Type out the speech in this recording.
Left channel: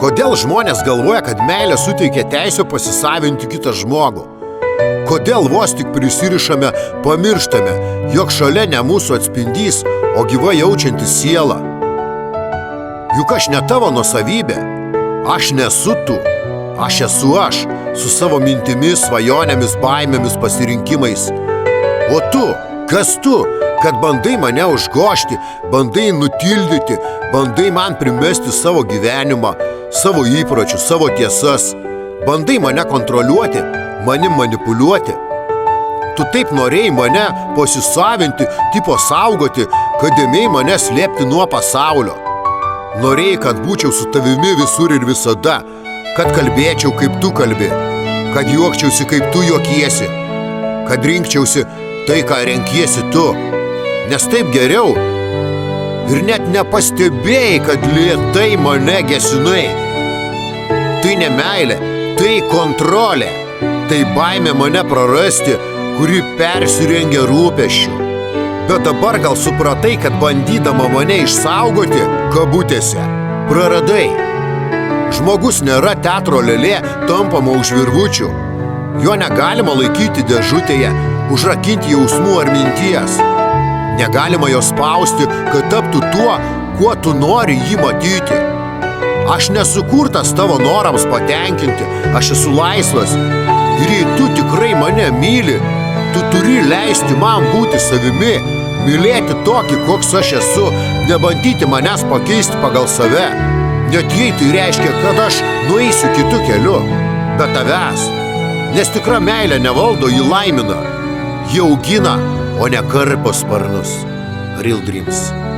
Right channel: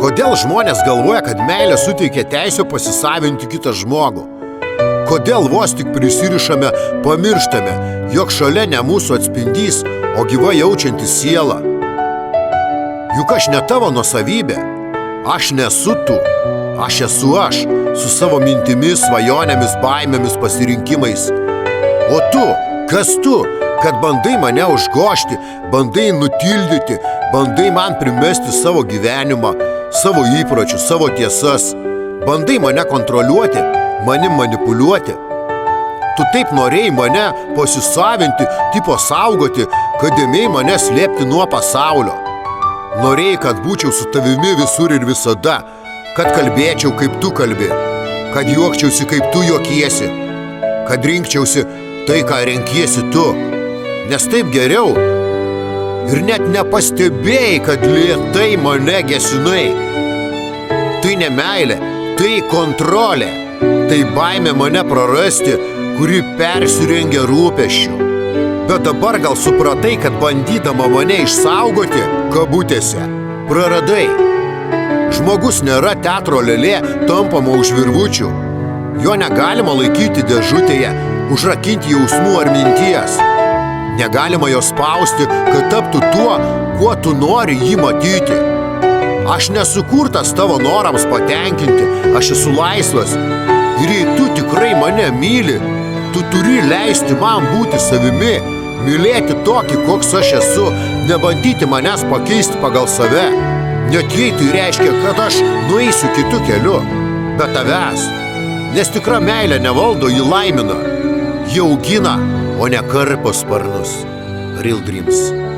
Kodėl žmonės galvoja, kad meilė suteikia teisę pasisavinti kitą žmogų? Kodėl vos tik prisirišame, pamirštame, jog šalia ne mūsų atspindys, o gyva jaučianti siela? Juk aš ne tavo nuosavybė, aš nesu tu, aš esu aš, su savo mintimis, svajonėmis, baimėmis, pasirinkimais. O tu, kas tu, kad bandai mane užgožti, bandai nutildyti, bandai man primesti savo gyvenimą, savo įpročius, savo tiesas, bandai mane kontroliuoti, manim manipuliuoti. Tu taip norėjai mane pasisavinti, tipo saugoti, kad ėmėjai mane slėpti nuo pasaulio. Norėjai, kad būčiau su tavimi visur ir visada, kad kalbėčiau, kaip tu kalbi, kad juokčiausi, kaip tu juokiesi, kad rinkčiausi tai, ką renkiesi tu, nes taip geriau. Ir net nepastebėjai, kad lėtai mane gesinai. Tai ne meilė, tai kontrolė, tai baimė mane prarasti, kuri persirengia rūpesčiu. Bet dabar gal supratai, kad bandydama mane išsaugoti, kabutėse, praradai. Žmogus nėra teatro lėlė, tampama už virvučių. Jo negalima laikyti dėžutėje, užrakinti jausmų ar minties. Negalima jo spausti, kad taptų tuo, kuo tu nori jį matyti. Aš nesukurtas tavo norams patenkinti, aš esu laisvas. Ir jei tu tikrai mane myli, tu turi leisti man būti savimi, mylėti tokį, koks aš esu, nebandyti manęs pakeisti pagal save. Net jei tai reiškia, kad aš nueisiu kitu keliu, be tavęs. Nes tikra meilė nevaldo, jį laimina, jį augina, o ne karpo sparnus. Real Dreams.